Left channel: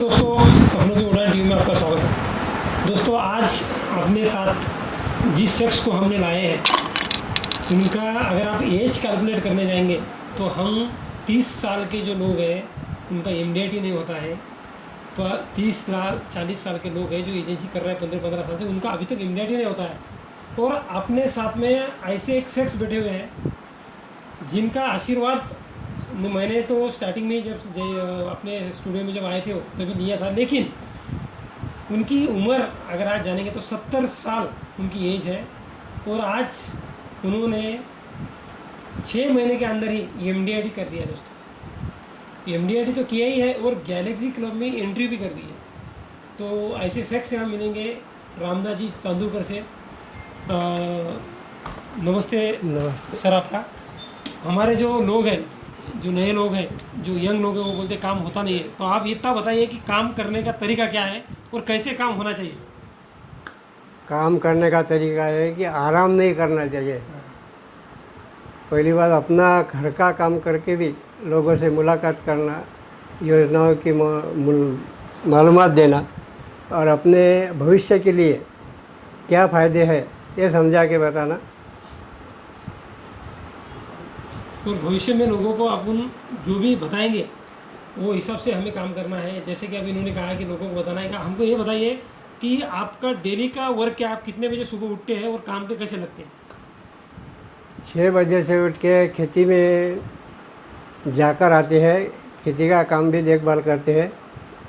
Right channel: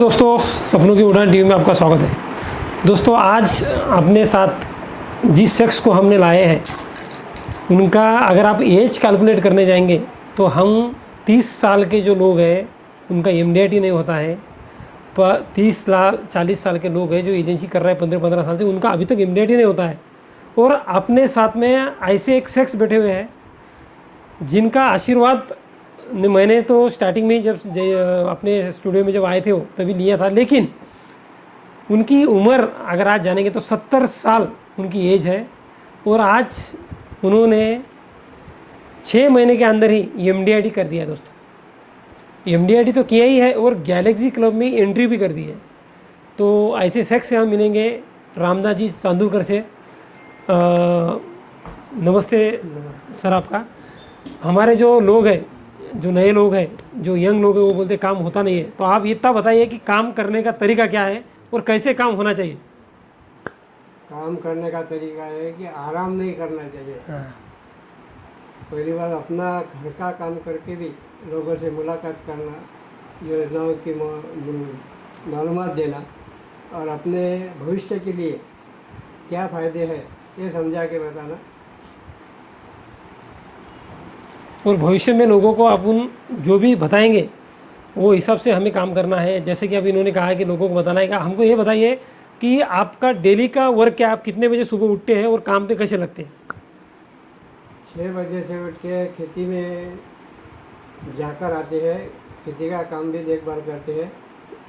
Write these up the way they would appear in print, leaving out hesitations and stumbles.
दोस्तों, सपनों की उड़ान टीवी में आपका स्वागत है। दोस्तों, आज अपने साथ जिस शख्स को हमने लाए हैं उनका अगर आप एज कैलकुलेट करने जाएंगे तो हम 30 साल के जो लोग हैं उनका एमडीआईटी नहीं होता है। पर 30 साल 40 साल के लोग हैं जो एजेंसी कर रहे हैं 15-15 साल से, उनका अभी तक एमडीआईटी नहीं होता है। और अपने साथ में ऐसे एक शख्स बैठे हुए हैं जिनका आशीर्वाद मैंने तो स्टार्टिंग में ही जब अपने स्टूडियो में जब आए थे तभी लिया था, लेकिन उनकी उम्र अगर आज जानेंगे तो 70 साल उनकी एज है। और आज उन्होंने 6 महीने के अंदर ही एमडीआईटी कर दिया। दोस्तों, एमडीआईटी तो किया ही है और गैलेक्सी क्लब में एंट्री भी कर दी है। तो ऐसे शख्स से हम मिलेंगे रामदास जी चांदुरकर से। नमस्ते सर। आपका हमारे जो लोग हैं, जो नए लोग हैं, जो यंग लोग हैं, वो बोलते काम होता नहीं है। तो आप इतना बताइए कि काम करने का तरीका क्या है और कैसे काम होना चाहिए। काम करने का तरीका है कि आराम नहीं करना चाहिए। हाँ। पहली बात, अपना घर का काम करके भी लोगों से मुलाकात करना, योजनाओं की मालूमात देना और अपने भविष्य के लिए क्या फ़ायदे हैं ये समझा के बताना। और भविष्य में लोगों को अपन जो भी बताएंगे वो हिसाब से हमें काम करना है। जैसे कि अभी इन्होंने कहा है कि लोगों को बताना है कि हमको ये बताइए कि आपका डेली का वर्क क्या, आप कितने बजे सुबह उठते हैं और काम पे कैसे लगते हैं। 6 बजे से उठ के खेती में जाकर आते हैं, खेती का काम भी देखभाल करते हैं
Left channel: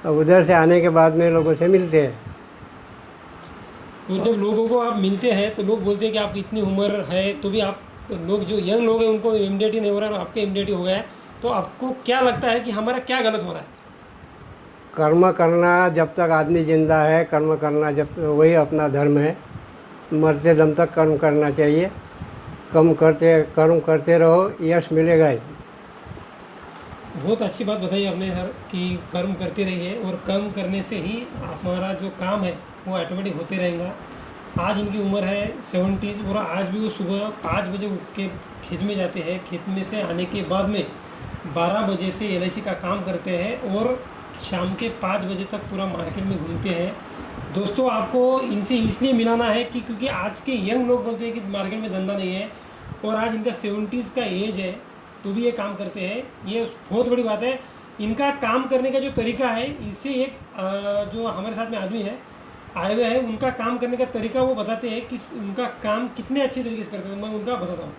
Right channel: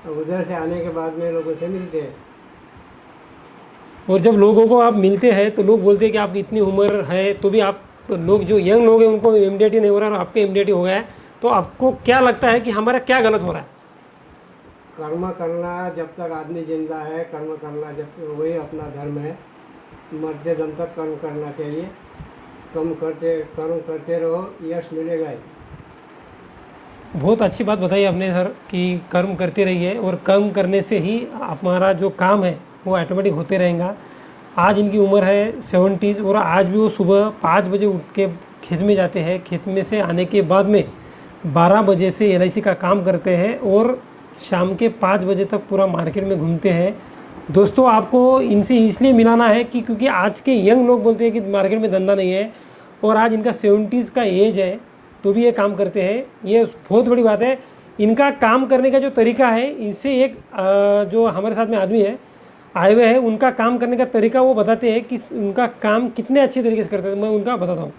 और उधर से आने के बाद में लोगों से मिलते हैं। और जब लोगों को आप मिलते हैं तो लोग बोलते हैं कि आपकी इतनी उम्र है तो भी आप, लोग जो यंग लोग हैं उनको एमडीआईटी नहीं हो रहा है और आपका एमडीआईटी हो गया है, तो आपको क्या लगता है कि हमारा क्या गलत हो रहा है। कर्म करना जब तक आदमी जिंदा है, कर्म करना जब वही अपना धर्म है। मरते दम तक कर्म करना चाहिए। कर्म करते रहो, यश मिलेगा ही। बहुत अच्छी बात बताई आपने सर कि कर्म करते रहिए और कर्म करने से ही हमारा जो काम है वो ऑटोमेटिक होते रहेगा। आज इनकी उम्र है 70 और आज भी वो सुबह 5 बजे उठ के खेत में जाते हैं। खेत में से आने के बाद में 12 बजे से एलआईसी का काम करते हैं और शाम के 5 बजे तक पूरा मार्केट में घूमते हैं। दोस्तों, आपको इनसे इसलिए मिलाना है कि क्योंकि आज के यंग लोग बोलते हैं कि मार्केट में धंधा नहीं है और आज इनका 70 का एज है तो भी ये काम करते हैं। ये बहुत बड़ी बात है। इनका काम करने का जो तरीका है, इससे एक जो हमारे साथ में आदमी है आए हुए हैं, उनका काम करने का तरीका वो बताते हैं कि उनका काम कितने अच्छे तरीके से करते हैं। मैं उनका बताता हूँ।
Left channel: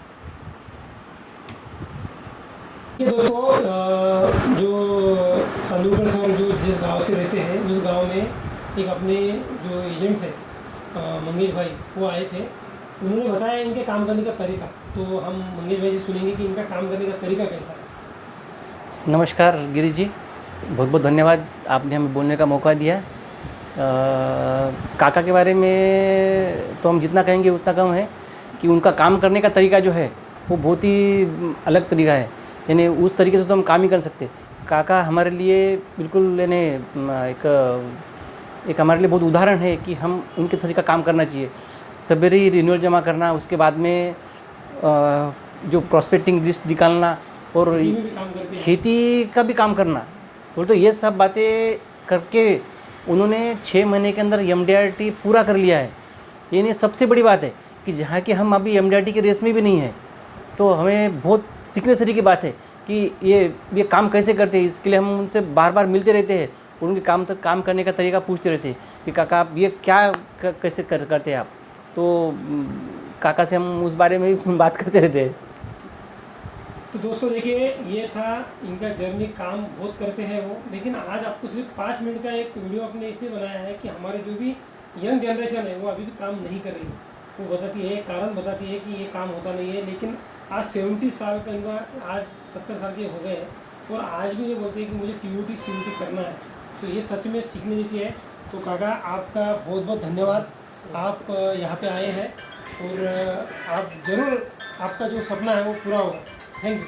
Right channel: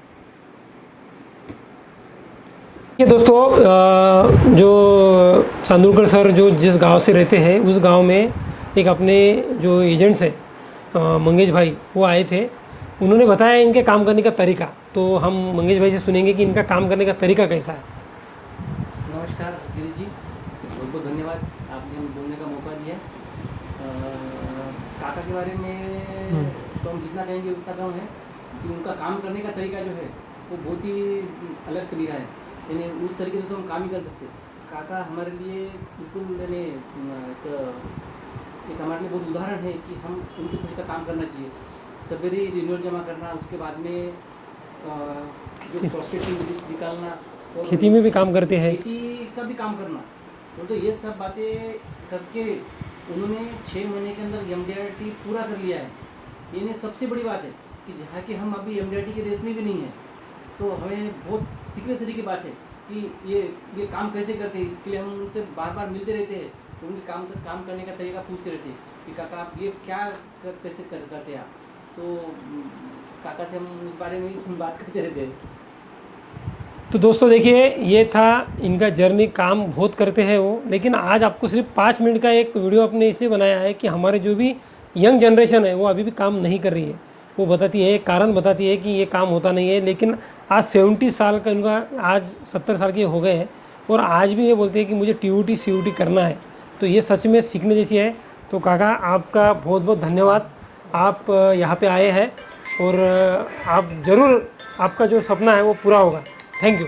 ये दोस्तों, जो चांदुरकर सर जो जिस गांव से रहते हैं उस गांव में एक अपने जो एजेंट्स हैं मंगेश भाई, वो आए थे। उन्होंने बताया इनके काम करने का तरीका। तो हम मंगेश भाई से सुनेंगे कि इनका काम करने का तरीका कैसा है। नमस्कार गिरीश जी, बहुत बहुत धन्यवाद, आपने हमें बोलने का मौका दिया। काका के बारे में तो हम जितना कहेंगे उतना कम है कि उनका काम करने का तरीका जो है वो बहुत ही अलग तरीका है। यानी उस तरीके से तो हम काम ही कर सकते। काका हमारे लिए बिल्कुल यानी एक हमारे लिए बहुत उदाहरण है कि हम उनके तरीका काम करना चाहिए। सवेरे ही रिन्यूअल जमा करना, उसके बाद में जो प्रॉस्पेक्टिंग लिस्ट निकालना और खेती में भी काम करते हैं, खेती का भी काम करना। बोल तो ये सब बातें करके उन्होंने 6 महीने के अंदर एमडीआईटी पूरा कर लिया है। ये सबसे बड़ी बात है कि जहाँ के हम अभी एमडीआईटी के रेस में भी नहीं हैं, तो हमें बहुत सीखने से की बात है कि ये काम कैसे करते हैं। इसके लिए हम उनसे बार बार मिलते रहते हैं, उनके काम करने का तरीका पूछते रहते हैं कि काका आप ये क्या कैसे करते हैं आप। तो काका से हम उस बारे में भी बात करते रहते हैं। तो दोस्तों देखिए, ये था इनका जर्नी। काम बहुत करते हैं वो, लेकिन आज आपको सिर्फ 5 मिनट का एक वीडियो आपने इसलिए बनाया है कि हमारे जो भी यंग जनरेशन है वो अभी भी काम नहीं कर रही है। वो बताती है, कारण बताती है कि ये काम होता नहीं है। लेकिन आज 70 साल का इनका, आज 70 साल के हो गए हैं और आज भी ये बोलते हैं कि मुझे टीयूटी सीयूटी करना है। तो ये सच में सीखने जैसी है। तो काका, आपका बहुत बहुत धन्यवाद। आप यहाँ पे आए हैं और आप ज़रूर, आपका जो सपना है वो पूरा होगा। Thank you.